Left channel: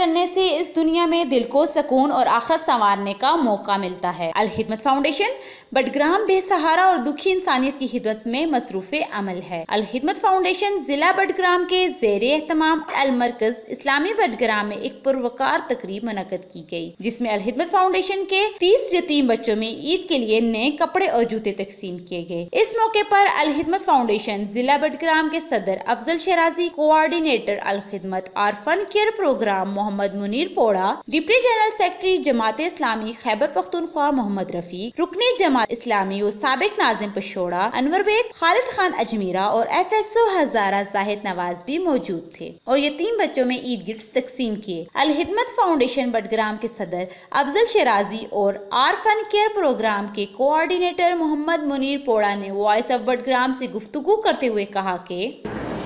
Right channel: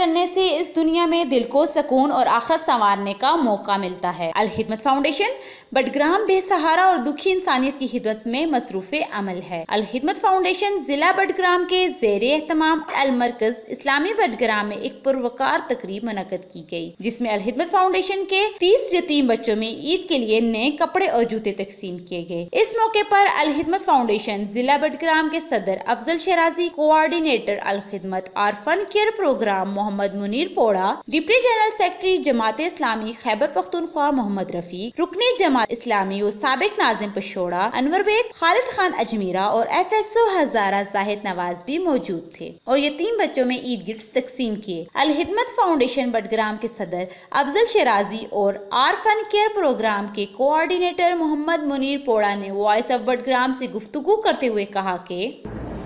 करने से इस दुनिया में दिल को सुकून और आखिरत संवारने का मौका मिलता है। अल हिदमत फाउंडेशन बडग्राम बेसहारा और दुखी इंसानियत की खिदमत में मसरूफ अमल है। अल हिदमत फाउंडेशन जिला बडग्राम के ज़ेरे एहतमाम अल मरकज इस्लामी बडग्राम में एक पुरवकार तकरीब मुनक्कद की गई, जिसमें अल हिदमत फाउंडेशन के 30 यतीम बच्चों में ईद के लिए नए कपड़े और जूते तकसीम किए गए। इस मौके पर अल हिदमत फाउंडेशन जिला बडग्राम के सदर Afzal शराजी, coordinator Al Khidmat orphan care programme Mohammad Munir पोड़ा, deputy general secretary Jamaat Islami Khyber Pakhtunkhwa Mohammad Rafiq, रुकने जमात इस्लामी और साबिक नाजिम पशोड़ा अनवर बेग, खालिद खान अजमीरा और FSO हजारा जाहिद नवाज भी मौजूद थे और यतीम बच्चों में ईद गिफ्ट्स तकसीम किए। अल हिदमत फाउंडेशन बडग्राम के सदर अफजल शराजी और आरफन केयर प्रोग्राम के कोऑर्डिनेटर मोहम्मद मुनीर पोड़ा ने वॉइस ऑफ बडग्राम से गुफ्तगू करते हुए कहा कि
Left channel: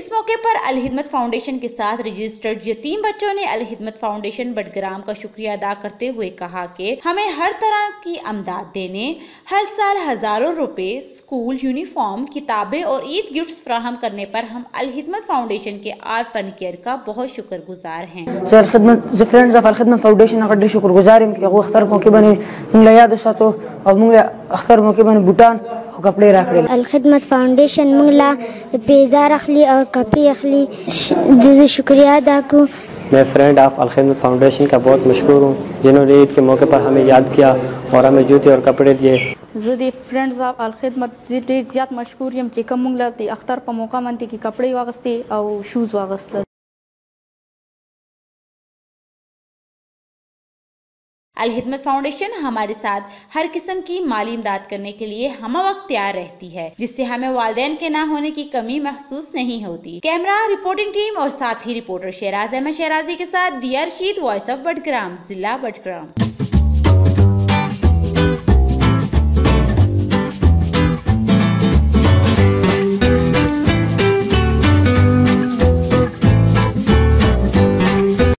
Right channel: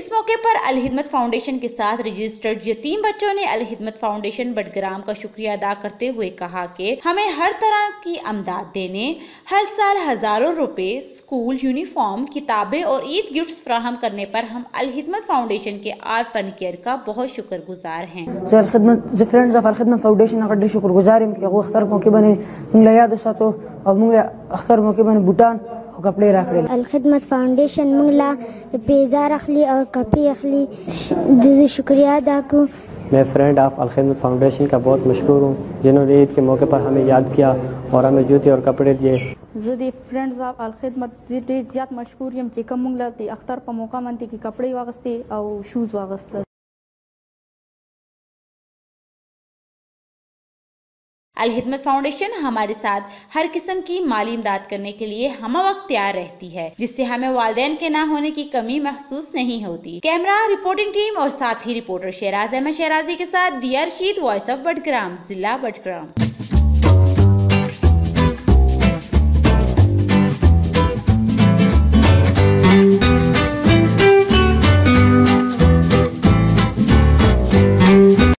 इस मौके पर अल हिदमत फाउंडेशन के साथ रजिस्टर्ड यतीम बच्चों ने अल हिदमत फाउंडेशन बडग्राम का शुक्रिया अदा करते हुए कहा कि हमें हर तरह की अमदाद देने, हर साल हजारों रुपए, स्कूल यूनिफॉर्म, किताबें और ईद गिफ्ट्स फराहम करने पर हम अल हिदमत फाउंडेशन के आरफन केयर का बहुत शुक्रगुजार हैं. फ्रेंड्स ऑफ अल खिदमत फाउंडेशन का शुक्रगुजार हैं कि वो अख्तर मौके बने मुंगला याद सातो और मुंगला अख्तर मौके बने भूटान कपड़े रख रहे. अल खिदमत फाउंडेशन मुंगला पेजार अखली और कपड़े अखली जैसे शुक्रिया अदा को. मैं फ्रेंड ऑफ अल खिदमत फाउंडेशन का बहुत मशहूर हूँ, जिन्होंने ईद के मौके पर हमें याद किया और हमें जूते और कपड़े दिए. ज़ी फ्रेंड्स ऑफ अल खिदमत ज़्यादा मशहूर यम चिकम मुंगला ती अख्तर पर मौका मनती की कपड़े वागस्ती और शूज़ वागस्ती. अल हिदमत फाउंडेशन हमारे साथ हर किस्म की माली इमदाद करने के लिए हम वक्त तैयार रहती है, जिससे हमें वालिदैन के ना होने की कमी महसूस नहीं होती. कैमरा रिपोर्टिंग टीम और साथी रिपोर्टर शहराज अहमद शहराजी के साथ दिया रशीद, वॉइस ऑफ बडग्राम, जिला बडग्राम.